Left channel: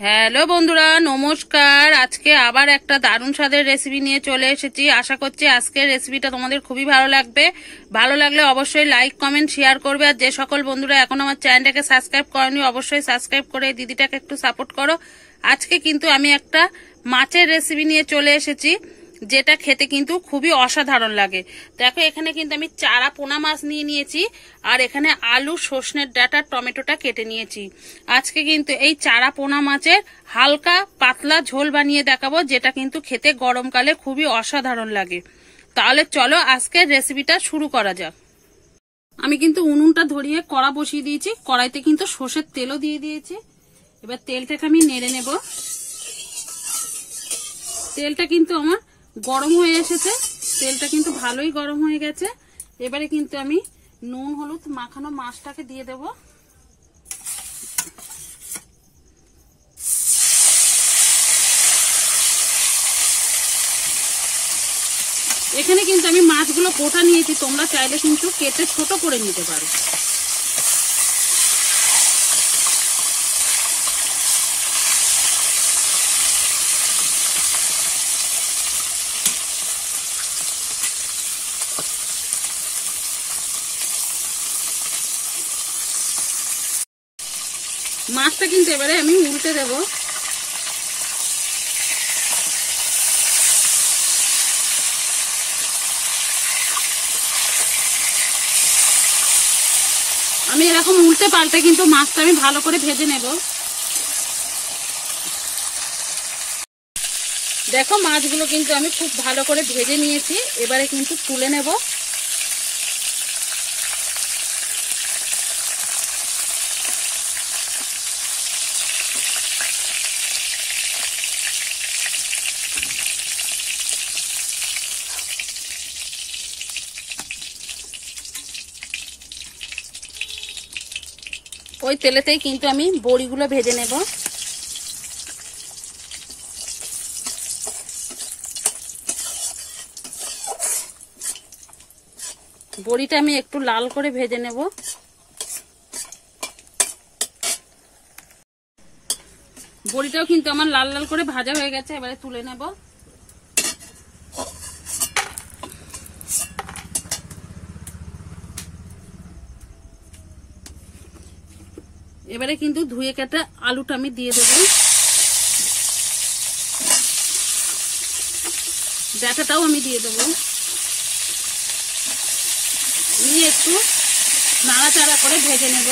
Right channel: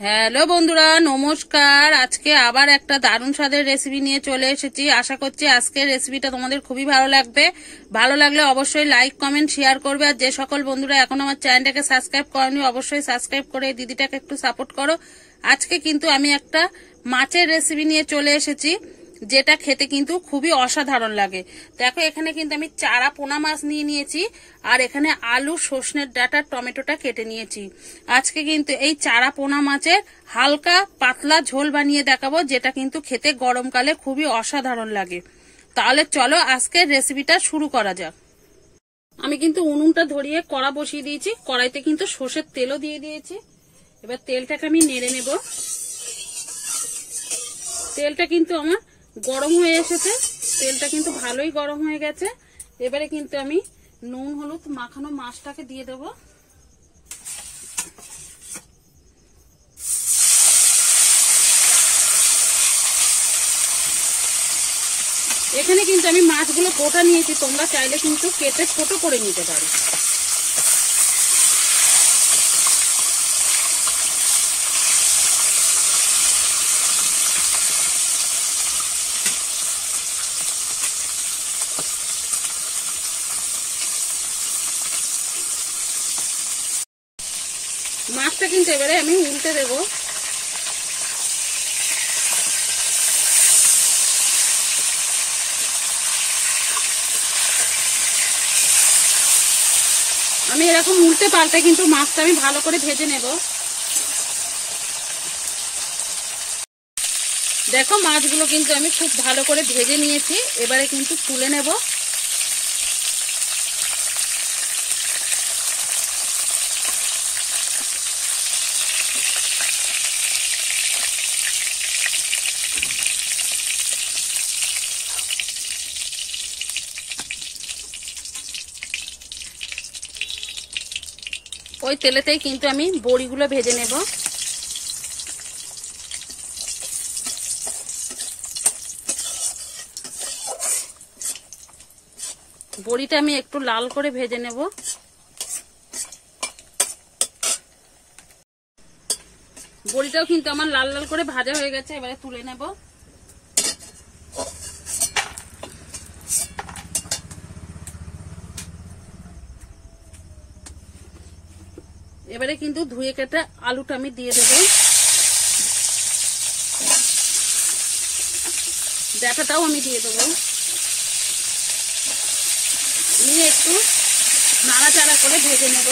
Hello বন্ধুরা, নমস্কার। আজকে আবার একটা দারুণ স্বাদের রেসিপি নিয়ে চলে এসেছি। আশা করছি আজকের রেসিপিটা তোমাদের খুবই ভালো লাগবে। ভালো লাগলে অবশ্যই লাইক কমেন্ট শেয়ার করবে। আর যে সকল বন্ধুরা এখন আমার চ্যানেলটাকে সাবস্ক্রাইব করেনি অবশ্যই সাবস্ক্রাইব করে দিদিটাকে একটু সাপোর্ট করো। আজকে কিন্তু আমি একটা মাছের রেসিপি নিয়ে চলে এসেছি, যেটা খেতে কিন্তু খুবই অসাধারণ লাগে। দেখো, এখানে কিন্তু আমি চারা পোনা মাছ নিয়ে নিয়েছি, আর এখানে আলু, সর্ষের ডাঁটা, টমেটোটা কেটে নিয়েছি। আজকে কিন্তু এই চারা পোনা মাছের হালকা পাতলা ঝোল বানিয়ে দেখাবো, যেটা কিন্তু খেতে গরমকালে খুবই অসাধারণ লাগে। তাহলে চলো আজকের রেসিপিটা শুরু করা যাক। আমি কিন্তু উনুনটা ধরিয়ে কড়া বসিয়ে দিয়েছি, কড়াইতে কিন্তু সর্ষের তেলও দিয়ে দিয়েছি। এবার তেলটাকে আমি নেড়ে নেব। তেলটা কিন্তু আমার গরম হয়ে এসেছে, তেলটা কিন্তু ভালোই গরম হয়ে গেছে। এবারে কিন্তু আমি নুন হলুদ মাখানো মাছটাকে দিয়ে দেব। এখানে কিন্তু আমি মাছগুলো গোটা নিয়েছি, তোমরা চাইলে কিন্তু কেটে ছোট করে নিতে পারো। মাছটা কিন্তু এবারে আমি উল্টে দেব। আমি এরকম উল্টে পাল্টে কিন্তু মাছটা আমি ভালো করে ভেজে নেব। দেখো, মাছগুলো কিন্তু আমি খুব ভালো করে ভেজে নিয়েছি। এবারে কিন্তু তুলে নেব। ওই তেলেতেই কিন্তু আমি বড়িগুলো ভেজে নেব। বড়িটা আমি একটু লাল করে ভেজে নেব। বড়িটাও কিন্তু আমার লাল লাল করে ভাজা হয়ে গেছে, এবারে তুলে নেব। এবারে কিন্তু ধুয়ে কেটে আলুটা আমি দিয়ে দেব। ডাঁটাটাও আমি দিয়ে দেব। নিয়ে একটু নাড়াচাড়া করে ভেজে নেব।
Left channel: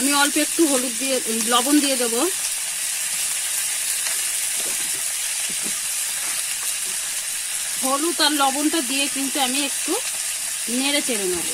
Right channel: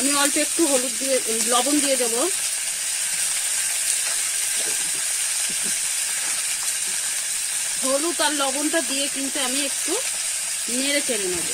আমি অল্প একটু হলুদ দিয়ে লবণ দিয়ে দেব। হলুদ আর লবণটা দিয়ে কিন্তু আমি একটু নেড়ে চেড়ে নেব।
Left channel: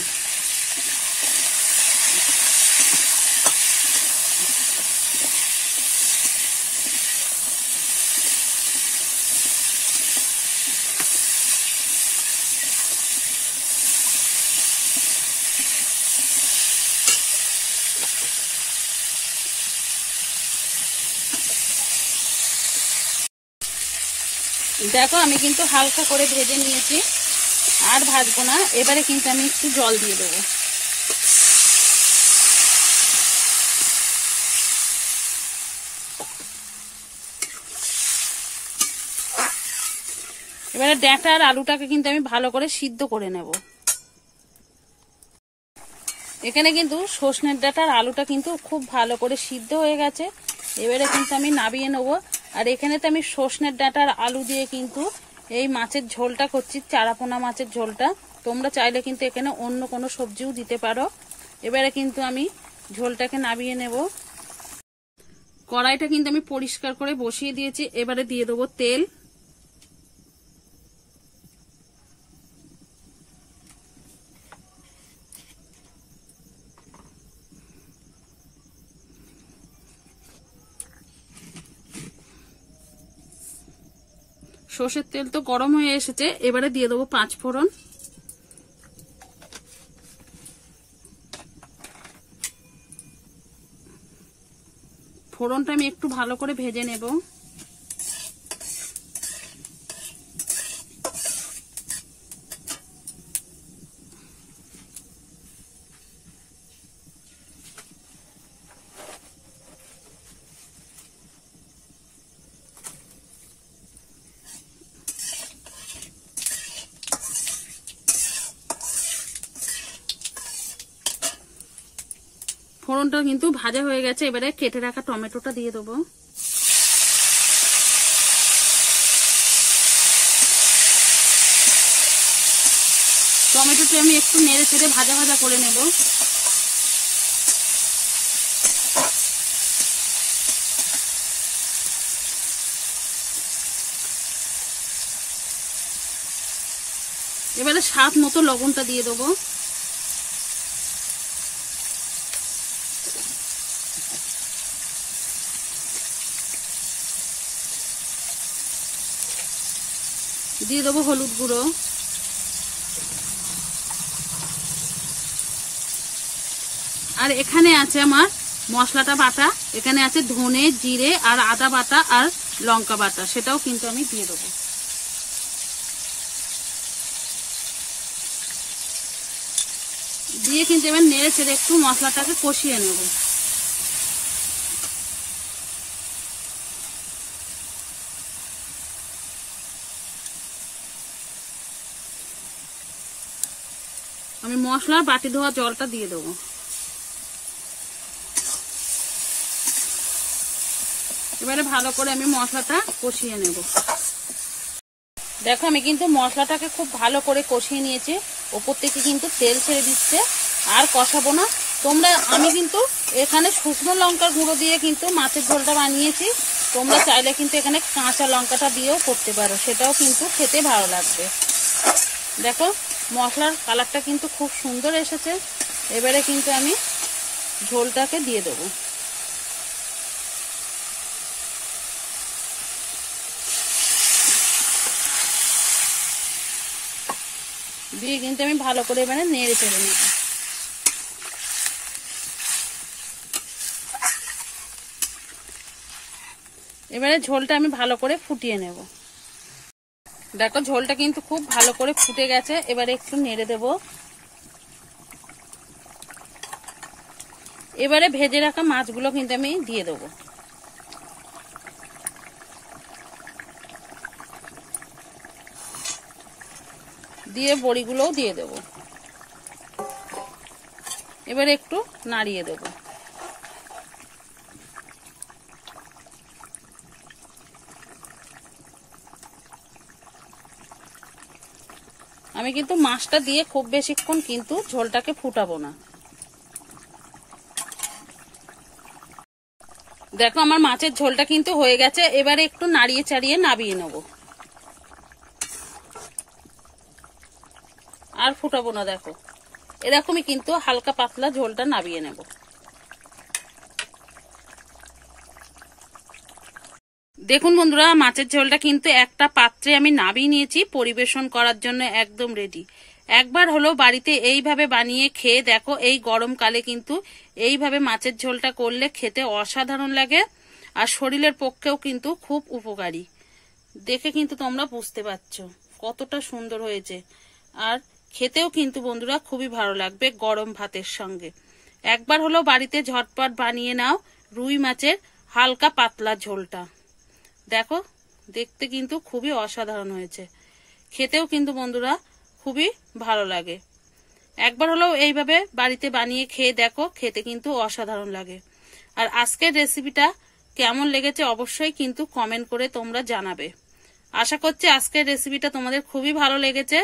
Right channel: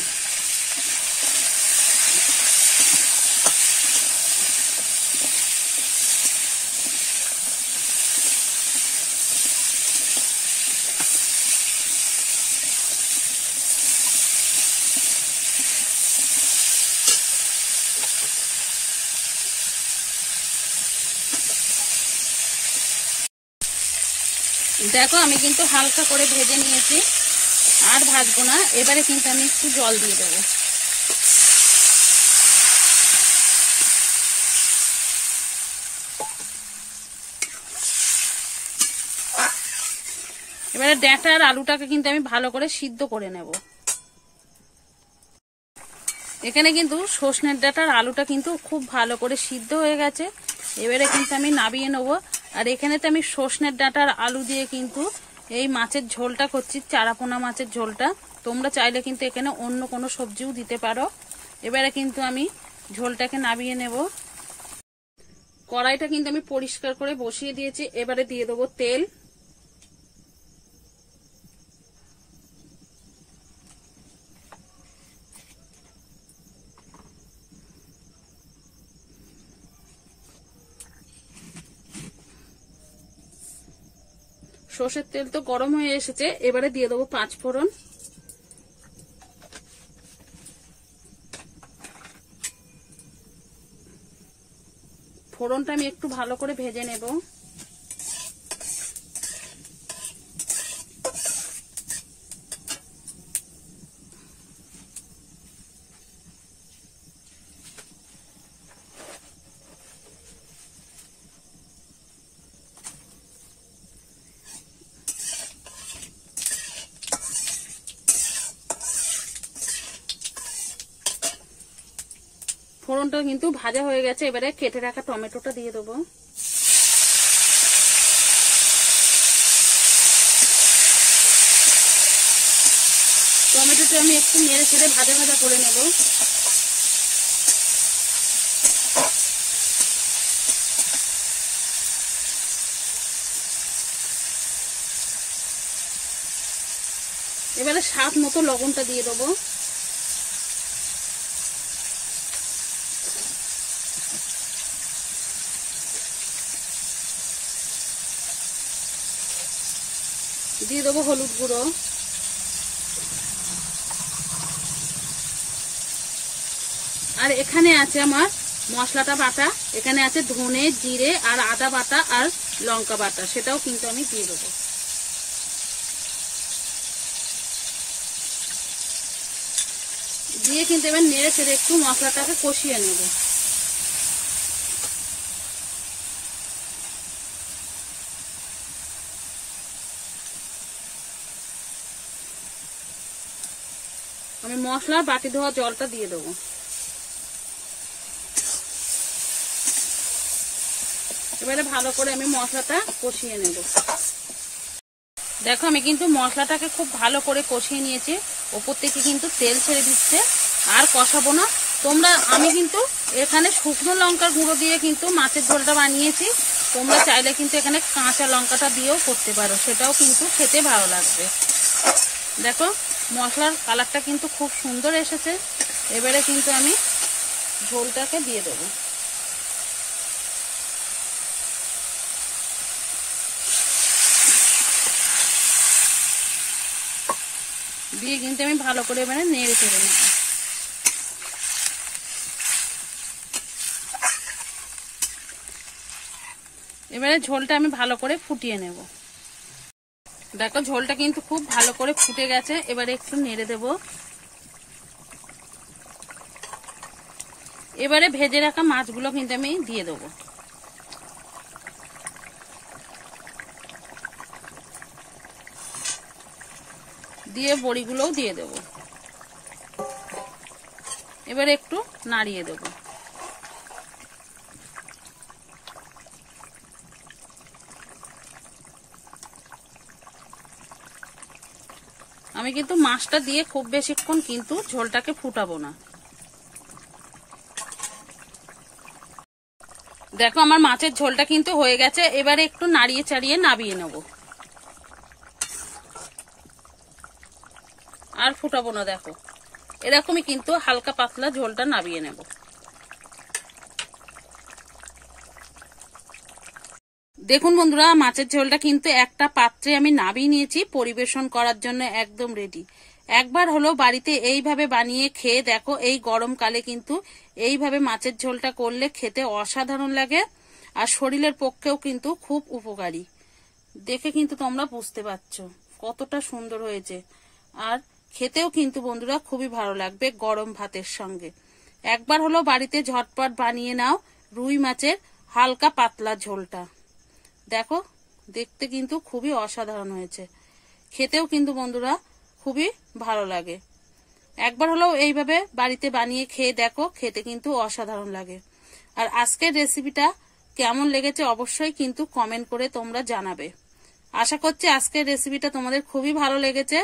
দেখো, আমি কিন্তু হালকা করে ভেজে নিয়েছি, আর ভাজবো না। এবারে কিন্তু আমি একটু জল দিয়ে দেবো। এবারে ডাঁটা আর আলুটাকে কিন্তু আমি ভালো করে সিদ্ধ করে নেব। এখানে কিন্তু সর্ষের ডাঁটা আর আলুটা কিন্তু খুব ভালো করে সিদ্ধ হয়ে গেছে। এবারে কিন্তু আমি নামিয়ে নেব। আর এখানে তো আমি সর্ষের ডাঁটা আর আলু দিয়ে কিন্তু এই মাছের ঝোলটা করছি, চারাপোনা মাছের ঝোলটা। তোমরা চাইলে কিন্তু এখানে অন্য কোনো সবজিও দিতে পারো। এবারে কিন্তু আমি ঝোলটাকে নামিয়ে নেব। কড়াইটা কিন্তু আমি পরিষ্কার করে বসিয়ে দিয়েছি। এবারে দিয়ে দেবো তেল। সর্ষের তেল তো গরম হয়ে এসেছে, এবারে দিয়ে দেবো 5 ফোড়ন। ফোড়নটা আমি একটু ভালো করে ভেজে নেব। ফোড়নটা কিন্তু ভাজা হয়ে গেছে, এবারে কেটে রাখা টমেটোটা দিয়ে দেবো। টমেটোটা আমি একটু নেড়ে চেড়ে ভাজা ভাজা করে নেব। এবারে স্বাদ মতো লবণটা দিয়ে দেবো। দিয়ে দেবো হলুদ গুঁড়ো। আর এখানে আছে আমার মশলাটা বাটা, এখানে আছে ধনে, জিরে আর আদা বাটা আর লঙ্কা বাটা, সেটাও কিন্তু আমি দিয়ে দেবো। দিয়ে কিন্তু এবার নেড়ে চেড়ে একটু মশলাটাকে কষিয়ে নেব। আমি মশলার বাটি ধোয়া জলটা দিয়ে দেবো। এবারে ভালো করে আমি মশলাটা কষিয়ে নেব। দেখো আমি কিন্তু মশলাটাকে খুব ভালো করে কষিয়ে নিয়েছি, ওপর থেকে কিন্তু তেল ছেড়ে দিচ্ছে। আর কষাবো না তোমরা, আমি কিন্তু এখানে শুকনো লঙ্কার গুঁড়ো দিয়ে কিন্তু মাছের ঝোলটা বানিয়েছি। তোমরা চাইলে কিন্তু এখানে কাঁচা লঙ্কাটা দিয়েও করতে পারো, সেটাও কিন্তু খেতে ভালো লাগবে। দেখো মশলার কালারটা কিন্তু খুব সুন্দর এসেছে। এবারে কিন্তু আমি ঝোলটাকে দিয়ে দেবো। দিয়ে কিন্তু আমি ভালো করে এবারে নেড়ে চেড়ে নেব। এবারে ঝোলটা আমি ভালো করে ফুটিয়ে নেব। দেখো ঝোলটা কিন্তু খুব ভালো করে ফুটে গেছে, এবারে একটু নেড়ে দেব। এবারে ভেজে রাখা মাছগুলো কিন্তু আমি দিয়ে দেবো। দিয়ে বড়িগুলোও দিয়ে দেব। এবারে একটু নাড়িয়ে দেব। আমি কিন্তু মাছটা দিয়ে খুব বেশিক্ষণ কিন্তু ঝোলটাকে ফুটাবো না। দেখো আমার মাছের ঝোলটা কিন্তু হয়ে গেছে, এবারে একটু নাড়িয়ে চাড়িয়ে নাবিয়ে নেব। আর ফুটাবো না, দেখো এরকমই কিন্তু হালকা পাতলা ঝোলটা নাবিয়ে নেব। দেখুন বন্ধুরা, মাছের ঝোলটা কিন্তু একটা পাত্রে আমি নাবিয়ে নিয়েছি, পরিবেশন করার জন্য একদম রেডি। একবার হলো বাড়িতে এইভাবে বানিয়ে খেয়ে দেখো, এই গরমকালে কিন্তু এইভাবে মাছের ঝোলটা করলে খেতে অসাধারণ লাগে, আর শরীরের পক্ষেও কিন্তু খুব উপকারী। দেখে কিন্তু তোমরা বুঝতে পারছো কতটা সুন্দর হয়েছে, আর খেতেও কিন্তু বন্ধুরা খুবই ভালো লাগবে গরম ভাতের সঙ্গে। একবার হলো বাড়িতে ঝটপট বানিয়ে নাও রুই মাছের হালকা পাতলা ঝোলটা। দেখো দেখতে কিন্তু খুবই অসাধারণ হয়েছে, খেতেও কিন্তু বন্ধুরা খুবই ভালো লাগে। একবার হলেও এইভাবে বাড়িতে বানিয়ে খেয়ে দেখো, খেতে কিন্তু অসাধারণ লাগে। আর আজকের রেসিপিটা কেমন লেগেছে অবশ্যই কিন্তু কমেন্ট করে তোমরা জানাবে। আশা করছি আজকের রেসিপিটা তোমাদের খুবই ভালো লেগেছে।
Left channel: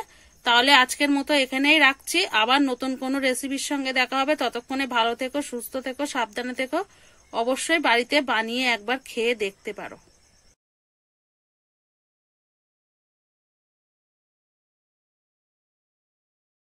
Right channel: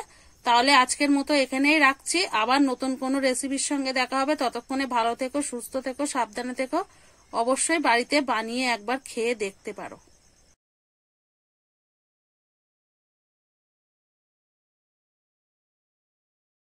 তাহলে আজকের মতো এখানেই রাখছি, আবার নতুন কোনো রেসিপির সঙ্গে দেখা হবে। ততক্ষণে ভালো থেকো, সুস্থ থেকো, সাবধানে থেকো। অবশ্যই বাড়িতে বানিয়ে একবার খেয়ে দেখতে পারো।